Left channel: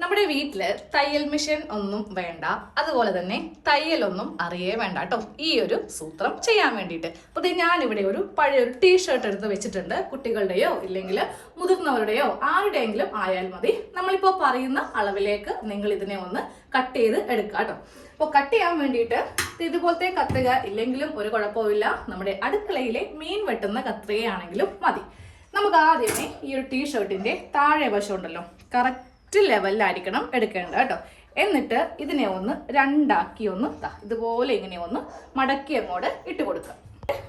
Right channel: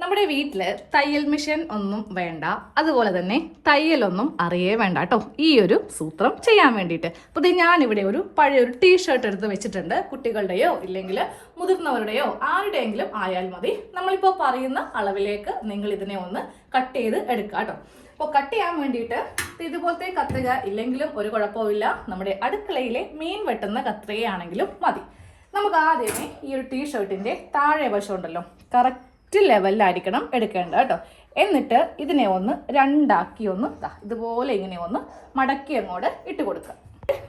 നമ്മുടെ വീട്ടിൽ തയ്യൽ മെഷീൻ ഒന്നും വേണ്ട. അതുപോലെ തന്നെ തയ്യലൊന്നും അറിയേ വേണ്ട കേട്ടോ ഈ ഒരു സൂത്രം ചെയ്യാൻ വേണ്ടിയിട്ട്. അപ്പൊ ഞാൻ ഇവിടെ ഒരു പഴയ ഒരു ടീ ഷർട്ട് എടുത്ത് വെച്ചിട്ടുണ്ട്. കുട്ടികളുടെയോ ഇല്ലെങ്കിൽ മുതിർന്നവരുടെയോ ആരുടെയെങ്കിലും ആയാൽ മതി. നമ്മളിപ്പോൾ പറയുന്ന അളവിലേക്ക് നിങ്ങൾ ഇതിനെ ഒന്ന് കട്ട് ചെയ്ത് എടുക്കുക കേട്ടോ അപ്പോൾ കട്ട് ചെയ്യാൻ വേണ്ടിയിട്ട് ഇതുപോലത്തെ കത്രിക ഇല്ലെങ്കിലും ഒരു കുഴപ്പമില്ല നമ്മുടെ അടുക്കളയിലെ മീൻ വെട്ടുന്ന കത്രികയാണെങ്കിലും മതി. നമുക്ക് ആദ്യമേ ഈ ഒരു ടീ ഷർട്ടിന്റെ താഴെ വശം ഉണ്ടല്ലോ. കറക്റ്റ് ലെവലിലായിരിക്കണം എടുക്കേണ്ടത് കേട്ടോ. എന്നിട്ട് ഇതിനെ ഒന്ന് രണ്ടാക്കി ഒന്ന് ഇതുപോലെ ഇങ്ങനെ ഒന്ന് മടക്കി അങ്ങോട്ട് ഇട്ട് കൊടുക്കുക.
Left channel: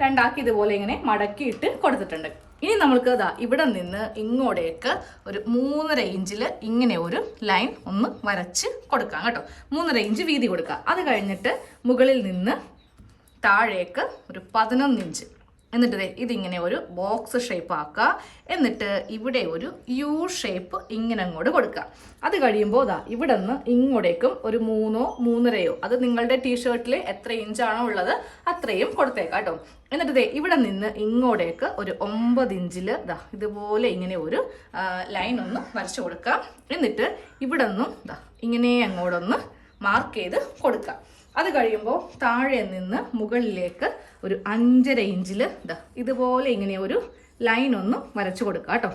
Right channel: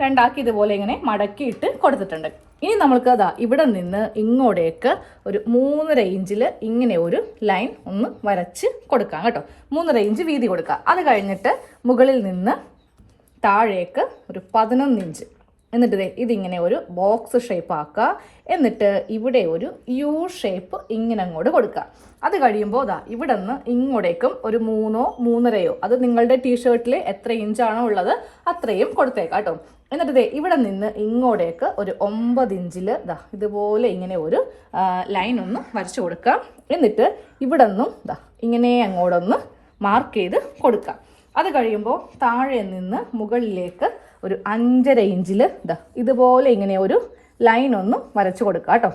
രണ്ടാക്കി ഇതുപോലെ ഇങ്ങനെ മടക്കി ഇട്ട് കൊടുത്തിട്ടുണ്ട്. ഇനി നമ്മൾക്ക് അതാ ഇവിടെ നിന്ന് ഇങ്ങോട്ടേക്ക് ഒരു മൂന്നര ഇഞ്ചിൽ ഇങ്ങനെ ഒരു ലൈൻ ഒന്ന് വരച്ച് കൊടുക്കാം കേട്ടോ. മൂന്നര ഇഞ്ച് വീതി കൊടുക്കുക. അത് കഴിഞ്ഞിട്ട് മുകളിൽ നിന്ന് താഴേക്ക് ഒരു പതിനൊന്ന് ഇഞ്ച് എന്നിട്ട് ഇതിങ്ങനെ ഒരു ബോക്സ് ഷേപ്പ് ആക്കുക. എന്നിട്ട് ഇവിടെ ഒരു യു ഷേപ്പ് ഇങ്ങനെ അങ്ങോട്ട് കൊടുക്കുക. അത് കഴിയുമ്പോൾ ദാ ഇവിടെ നിന്ന് ഇങ്ങോട്ടേക്കും ഒരു മൂന്നോ മൂന്നരയോ അത് നിങ്ങളുടെ ടീഷർട്ടിൽ എത്ര ഇഞ്ചാണോ ഉള്ളത് അത്രയും കൊടുത്തേക്കാം കേട്ടോ. എന്നിട്ട് ദേ ഇവിടെ നിന്ന് ഇങ്ങോട്ടേക്ക് ഒരു ഒമ്പത് ഇഞ്ചിൽ ദാ ഇതുപോലെ ഇങ്ങനെ ഒരു ലൈൻ ഒന്ന് വരച്ചു കൊടുക്കുക. എന്നിട്ട് ഇവിടെ നിന്നും ദാ ഇങ്ങനെ അങ്ങോട്ടൊന്ന് മാർക്ക് ചെയ്ത് കൊടുക്കുക. അത് കഴിയുമ്പോൾ താഴെ നിന്ന് മുകളിലേക്ക് ഒരു അഞ്ചര ഇഞ്ചിൽ ഇതാ ഇതുപോലെ ഇങ്ങനെ ഒരു ലൈൻ ഒന്ന് വരച്ചു കൊടുക്കുക കേട്ടോ.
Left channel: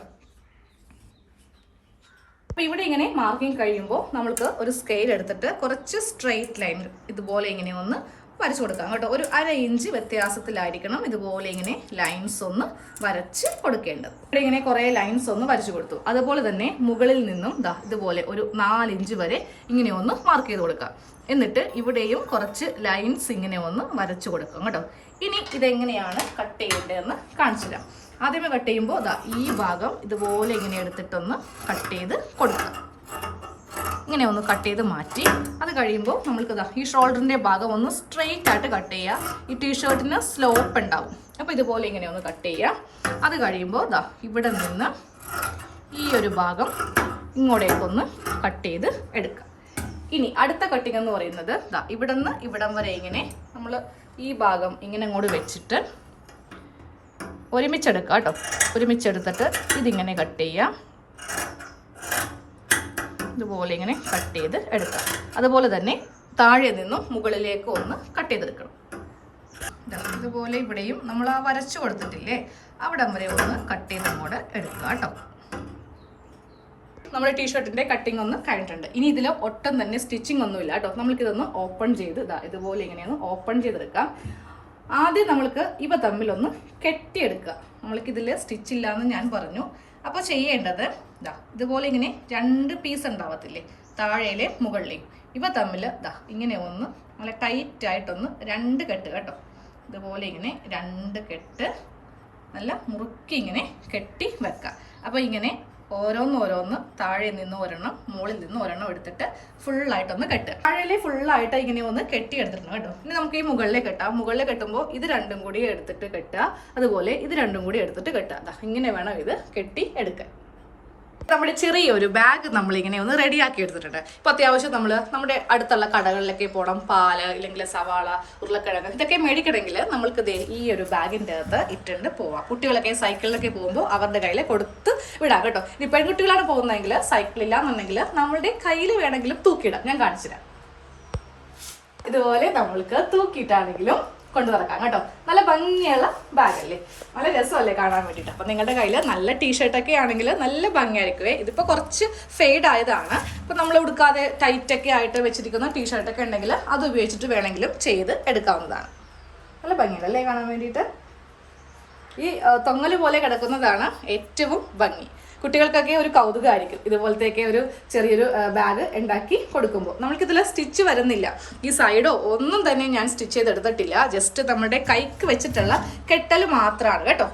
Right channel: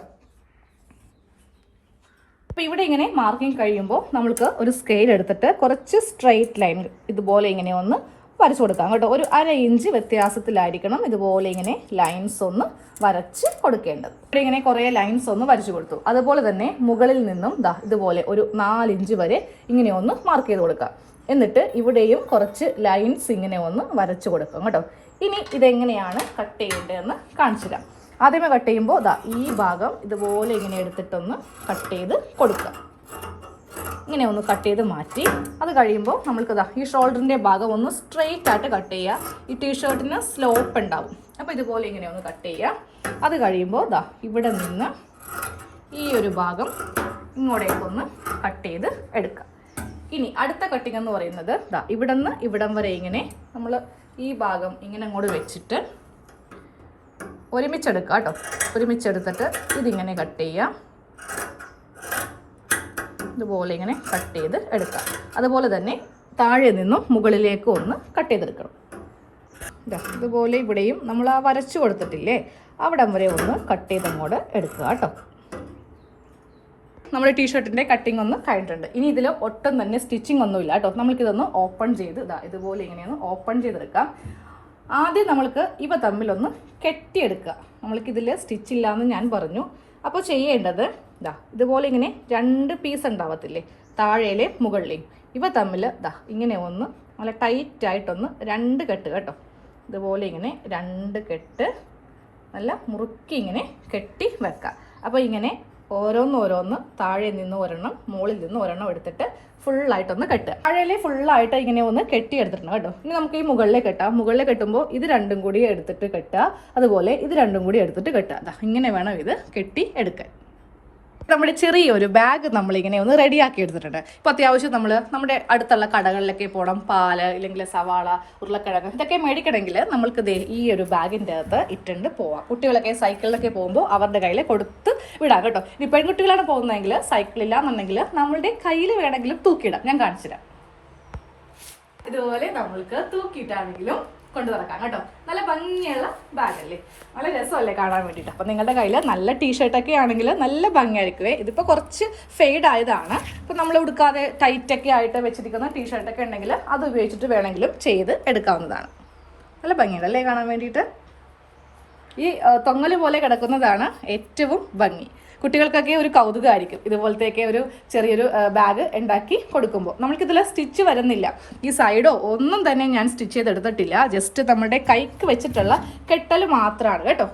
അപ്പോൾ ഇവിടെ ഇങ്ങനെ മാർക്കിങ് കഴിയുമ്പോൾ നമുക്ക് ഒരു സ്കെയിൽ എടുത്തിട്ട് കുറച്ച് സ്ട്രെയിറ്റ് ലൈൻ ഇതുപോലെ ഇങ്ങനെ ഒന്ന് വരച്ചു കൊടുക്കാം കേട്ടോ. ഒരു അര ഇഞ്ച് വ്യത്യാസത്തിലായിരിക്കണം ഇതുപോലെ ഇങ്ങനെ ലൈൻസ് ഒന്ന് വരച്ച് കൊടുക്കേണ്ടത്. ഇവിടെ ഇങ്ങനെ കുറേ ലൈൻസ് ഒന്ന് വരച്ചു കൊടുത്തു. അതുപോലെ തന്നെ മുകളിൽ നിന്നും ദാ ഇതുപോലെ ഒരു നാലിഞ്ച് വരെ ഇങ്ങനെ ഒന്ന് മാർക്ക് ചെയ്ത് കൊടുക്കാം. എന്നിട്ട് ഇവിടെയും കുറച്ച് ലൈൻസ് ഇങ്ങനെ ഒന്ന് വരച്ചു കൊടുക്കാം കേട്ടോ. ഇനി ഇതെങ്ങനെയാണ് കട്ട് ചെയ്യേണ്ടതെന്ന് കാണിച്ചു തരാം. ആദ്യമേ കട്ട് ചെയ്യുമ്പോൾ ദാ ഈ ഭാഗം ഇതുപോലെ ഇങ്ങനെ എടുത്തിട്ടൊന്ന് കട്ട് ചെയ്ത് കൊടുക്കുക. ഇങ്ങനെ ഒന്ന് കട്ട് ചെയ്ത് മാറ്റി. അത് കഴിയുമ്പോൾ നമ്മൾക്ക് ഇതാ ഈ ഷോൾഡറിന്റെ ഭാഗം ഒന്ന് സ്ട്രെയിറ്റ് ആയിട്ട് കട്ട് ചെയ്യുക ഈ ടീഷർട്ടിന് സ്ലോപ്പ് ഉണ്ടാവും. അപ്പോൾ ഇതുപോലെ ഇങ്ങനെ ഒന്ന് കട്ട് ചെയ്യുക അത് കഴിയുമ്പോൾ ഇതാ ഇവിടെ നിന്ന് ഈ ഒരു ഭാഗം ഇങ്ങോട്ടേക്കൊന്ന് കട്ട് ചെയ്ത് എടുക്കുക ഇനി അടുത്ത കട്ടിങ് എന്ന് പറയുന്നത് ഇതാ ഇവിടെ നിന്ന് ഇവിടം വരെ ഇങ്ങനെ നമ്മൾ ഈ ഭാഗം ഇങ്ങനെ അങ്ങോട്ട് വെച്ചിട്ട് ഒരുമിച്ചെടുക്കുക കേട്ടോ. ഒരുമിച്ചെടുത്തിട്ട് ഇതിങ്ങനെ കട്ട് ചെയ്യാം. ഇതുപോലെ ഇങ്ങനെ കട്ട് ചെയ്ത് എടുക്കാം. അതുപോലെ തന്നെ താഴെ നിന്നും മുകളിലേക്ക് ഒന്ന് കട്ട് ചെയ്തെടുക്കണം. ഇതാ ഇതുപോലെ ഇവിടെയും നമ്മൾ ആ വരച്ചു കൊടുത്തിട്ടില്ലേ? അവിടം വരെ ഒന്ന് കട്ട് ചെയ്ത് അങ്ങോട്ട് എടുക്കുക കേട്ടോ. നമ്മുടെ ടീഷർട്ടിന്റെ കട്ടിംഗ് ഒന്ന് കഴിഞ്ഞിട്ടുണ്ട്. ഇനി ഇതിൽ ഒട്ടും തന്നെ സ്റ്റിച്ചിങ് ഒന്നുമില്ല കേട്ടോ. നമ്മൾക്കിതൊന്ന് ഓപ്പൺ ചെയ്ത് ഇതാ ഇതുപോലെ ഇങ്ങനെയൊന്ന് ഓപ്പൺ ചെയ്തെടുക്കാം. ആദ്യം നമ്മൾക്ക് ഇവ തമ്മിലൊന്ന് കെട്ടിയെടുക്കുക. നമ്മൾക്കിതിൽ സ്റ്റിച്ചില്ല ഇല്ലാന്ന് ഞാൻ പറഞ്ഞു. അപ്പോൾ ചെയ്യേണ്ടത് ഇതാ ഇതുപോലെ ഇങ്ങനെ രണ്ട് പീസ് ഉണ്ടാവത്തില്ലേ? താഴേലെ മുകളിലെയും ഇവ തമ്മിൽ ദാ ഇങ്ങനെ ഒന്ന് നല്ല ടൈറ്റായിട്ടൊന്ന് രണ്ട് കെട്ട് കേട്ടോ. ഇതുപോലെ ഇങ്ങനെ രണ്ട് കെട്ട് നല്ല മുറുക്കി ഇങ്ങനെ കെട്ടി വെക്കുക അപ്പോൾ ഇങ്ങനെ ഓരോന്ന് ഓരോന്ന് താഴെ നിന്ന് ഒരെണ്ണം മുകളിൽ നിന്ന് ഒരെണ്ണം എടുത്തിട്ട് ഫുള്ളായിട്ടൊന്ന് കെട്ടുക താഴേലെ ഫുള്ളായിട്ട് ഇങ്ങനെ ഒന്ന് കെട്ടി എടുത്തിട്ടുണ്ട് കേട്ടോ. ഇനി നമുക്ക് ഈ മുകളിലെ കെട്ടാം. മുകളിലെ കെട്ടുമ്പോൾ ഇത് രണ്ടും കൂടി എടുത്തിട്ട് കെട്ടുക. അതുപോലെ ഇത് രണ്ടും കൂടി എടുത്തിട്ട് കെട്ടുക. ദാ ഇങ്ങനെ വേണം ഇത് കെട്ടി എടുക്കാൻ നമ്മുടെ ചെറിയൊരു ബാഗ് നമ്മൾ ഇങ്ങനെ ഒന്ന് റെഡിയാക്കി എടുത്തിട്ടുണ്ട്. ഇപ്പോൾ അത്യാവശ്യം നമ്മൾ നമ്മുടെ അടുത്തുള്ള കടകളിലൊക്കെ പോകണം പാൽ അല്ലെങ്കിൽ സവാള ഉരുളക്കിഴങ്ങ് ഇതൊക്കെ മേടിക്കണമെങ്കിൽ നമ്മൾക്ക് ദേ ഈ ഒരു ബാഗിന്റെ അകത്ത് ഇട്ടുണ്ട് പോവാം. കുട്ടികളൊക്കെ സൈക്കിളിലൊക്കെ പോകുമ്പോൾ അവരുടെ കയ്യിൽ കൊടുത്ത് വിടാം കേട്ടോ. ഇനി പെൺകുട്ടികളാണ് പോകുന്നതെങ്കിൽ സൈക്കിളില്ല എന്നുണ്ടെങ്കിൽ നമ്മളുടെ കയ്യിൽ വേണമെങ്കിലും തൂക്കിയിടാം. ഞാൻ കാണിച്ചുതരാം. ഇതുപോലെ നമ്മൾക്ക് തൂക്കിയിട്ടാണെങ്കിലും കൊണ്ടു നടക്കാം കേട്ടോ. നല്ല ഭംഗിയുള്ള ബാഗല്ലേ? നല്ല രസമല്ലേ കാണാൻ വേണ്ടിയിട്ട്. അപ്പം നിങ്ങളുടെ കയ്യിൽ നല്ല ടീഷർട്ടൊക്കെ ആണെങ്കിൽ നല്ല ഭംഗിയായിരിക്കുവേ. ഇതിപ്പോൾ കുറച്ച് ഫെയ്ഡ് ആയതാണ്. അപ്പം നമ്മൾ ഉടുക്കാതെ ടൈറ്റൊക്കെ ആയിട്ട് വെച്ചിരിക്കുന്ന ടീഷർട്ടൊക്കെ ഉണ്ടെങ്കിൽ അത് ഉപയോഗിച്ചിട്ട് വേണമെങ്കിലും ചെയ്ത് എടുക്കാവുന്നതാണ്. നല്ല ഭംഗിയുണ്ടല്ലേ കാണാൻ വേണ്ടിയിട്ട്? ഈ തൊങ്ങൽ പോലെ കിടക്കുന്നതാണ് ഏറ്റവും ഭംഗി. കുട്ടികൾക്കൊക്കെ ഒരു കൗതുകമായിരിക്കും. ഇതുപോലത്തെയൊക്കെ ഒരു ചെറിയൊരു ബാഗ് ഉണ്ടാക്കി കൊടുക്കുമ്പോൾ നമുക്കിതിൽ സ്റ്റിച്ച് വരുന്നില്ല. ഈ സൈഡോ ഒന്നും തന്നെ ഞാൻ സ്റ്റിച്ച് ചെയ്തെടുത്തിട്ടില്ല. ജസ്റ്റ് നമ്മുടെ കൈക്ക് വെച്ചിട്ടുള്ള കെട്ടൽ മാത്രമാണ് കേട്ടോ.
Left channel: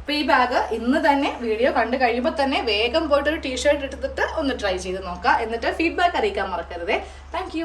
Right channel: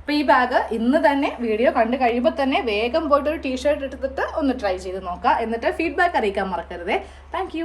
അപ്പോൾ ഈ ബാഗ് ഇന്ന് തന്നെ വീഡിയോ കണ്ടു കഴിയുമ്പോൾ തന്നെ വേഗം പോയിട്ട് ഒരു ടീഷർട്ട് എടുത്തിട്ട് ഒന്ന് ട്രൈ ചെയ്ത് നോക്കാം. എന്നിട്ട് ഫീഡ്ബാക്ക് അറിയിക്കാൻ മറക്കരുതേ. താങ്ക്